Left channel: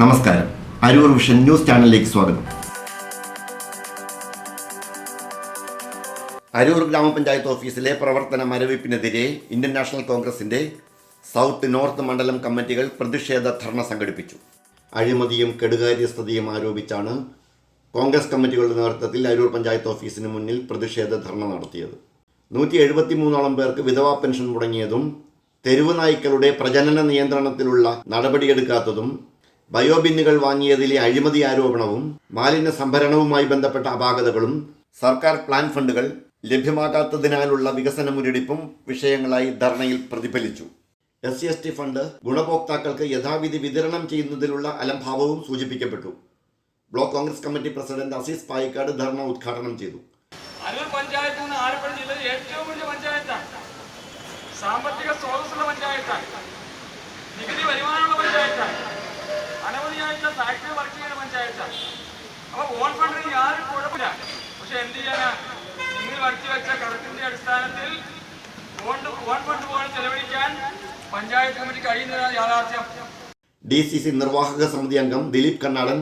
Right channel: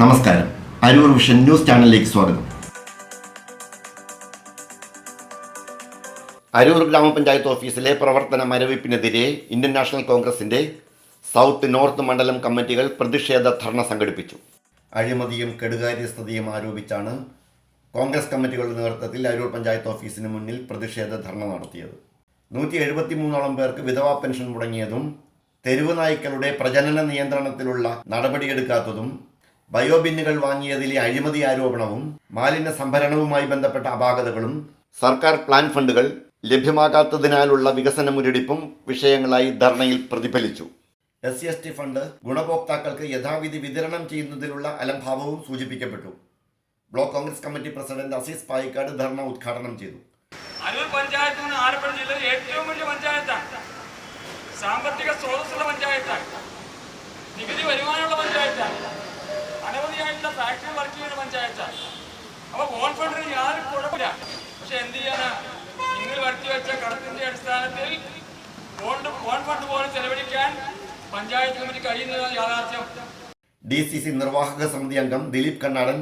നമസ്കാരം. Aroor vision news ചാനലിലേക്ക് സ്വാഗതം. അരൂർ ഗ്രാമപഞ്ചായത്ത് ഓഫീസിലെ പ്രവർത്തന മരവിപ്പിനെതിരെ ഇന്ത്യൻ നാഷണൽ കോൺഗ്രസിന്റെ സൗത്ത് നോർത്ത് മണ്ഡലം കമ്മിറ്റികൾ പ്രതിഷേധ ധർണ സംഘടിപ്പിച്ചു. അഴിമതിയും കെടുകാര്യസ്ഥതയും ആരോപിച്ചാണ് കോൺഗ്രസ് കമ്മിറ്റികളുടെ നേതൃത്വത്തിൽ അരൂർ പഞ്ചായത്ത് ഓഫീസിന് മുന്നിൽ പ്രതിഷേധ ധർണ നടത്തിയത്. നൂറ്റി എഴുപത്തി മൂന്നോളം പേർക്ക് വിധവാ പെൻഷൻ മുടങ്ങിയതും തെരുവ് നായ്ക്കളുടെ പ്രജനന നിയന്ത്രണത്തിലുള്ള നടപടിയെടുക്കാത്തതും ബയോബിന്നുകൾ വാങ്ങിയതിലെ അഴിമതി ആരോപണവും മാലിന്യ സംഭരണവുമായി ബന്ധപ്പെട്ട അപാകതകളും സർക്കാർ പ്ലാൻ ഫണ്ടുകൾ ലഭ്യമാകാത്തതിനാലുള്ള വികസന മുരടിപ്പും വിഷയങ്ങളായി ധർണയിൽ പ്രതിഫലിച്ചു. S C S T fund ഗുണഭോക്താക്കൾക്ക് യഥാവിധി വിതരണം ചെയ്യുന്നതിലുള്ള അലംഭാവവും സൂചിപ്പിക്കപ്പെട്ടു. Block Congress committee president Azeez Payikkad dharna ഉദ്ഘാടനം ചെയ്തു. അരൂർ പഞ്ചായത്ത് നിന്ന് ആലപ്പുഴ ജില്ലയിൽ ഏറ്റവും വലിയ പഞ്ചായത്താണ്. സാമ്പത്തിക സ്രോതസ്സുള്ള പഞ്ചായത്താണ്. നികുതി പഞ്ചായത്താണ് ഫാക്ടറി വർക്ക് ചെയ്യുന്ന പഞ്ചായത്താണ് അപ്പൊ ഓൺ ഫണ്ടിന് യാതൊരു കുഴപ്പമില്ല. പക്ഷെ എന്ത് ചെയ്യാനാ? നിങ്ങൾ വരുത്തി വെച്ച കടത്തിന്റെ അടിസ്ഥാനത്തിൽ ഓൺ ബോൺ ഫണ്ട് പോലെ ചെലവഴിക്കാൻ പഞ്ചായത്ത് കമ്മിറ്റി കഴിയുന്നതാണ് യാഥാർത്ഥ്യം. ഡി സി സി നിർവാഹക സമിതി അംഗം ദിലീപ് കണ്ണാടൻ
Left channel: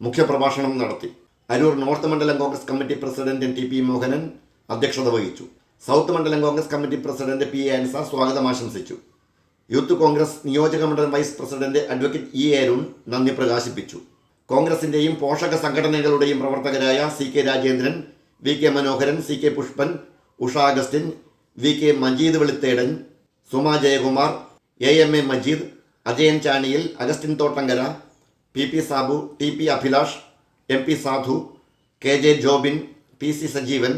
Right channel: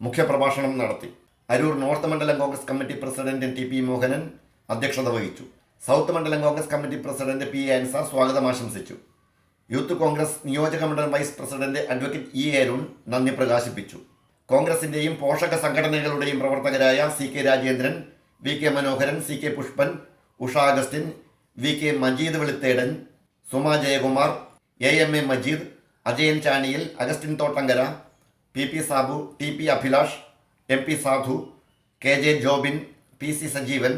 മുഖ്യപ്രഭാഷണം നടത്തി. അരൂർ നോർത്ത് മണ്ഡലം Congress committee president T P Mohanan അധ്യക്ഷത വഹിച്ചു. സൗത്ത് മണ്ഡലം Congress committee president P A Ansar സ്വാഗതം ആശംസിച്ചു. യൂത്ത് കോൺഗ്രസ് നിയോജക മണ്ഡലം vice president advocate E Arun നന്ദി പ്രകാശിപ്പിച്ചു. കോൺഗ്രസിന്റെയും പോഷക സംഘടനകളുടെയും പ്രവർത്തകരായ C K Rajendran V K Manoharan C K Pushpan Usha Augustine V K Majeed Veluthedan Suma Jayakumar A M A Majeed Ajayan Chaniyil Augustine Thottankara P P Sabu T P Abhilash M P Sadhu K J Jobin P C Sajeevan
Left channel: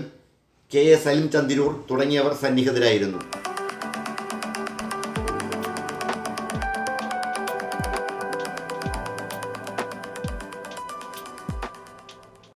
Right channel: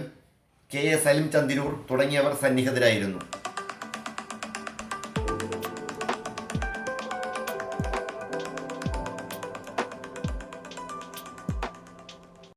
K A Salim Chandiroor തുടങ്ങിയവർ സന്നിഹിതരായിരുന്നു.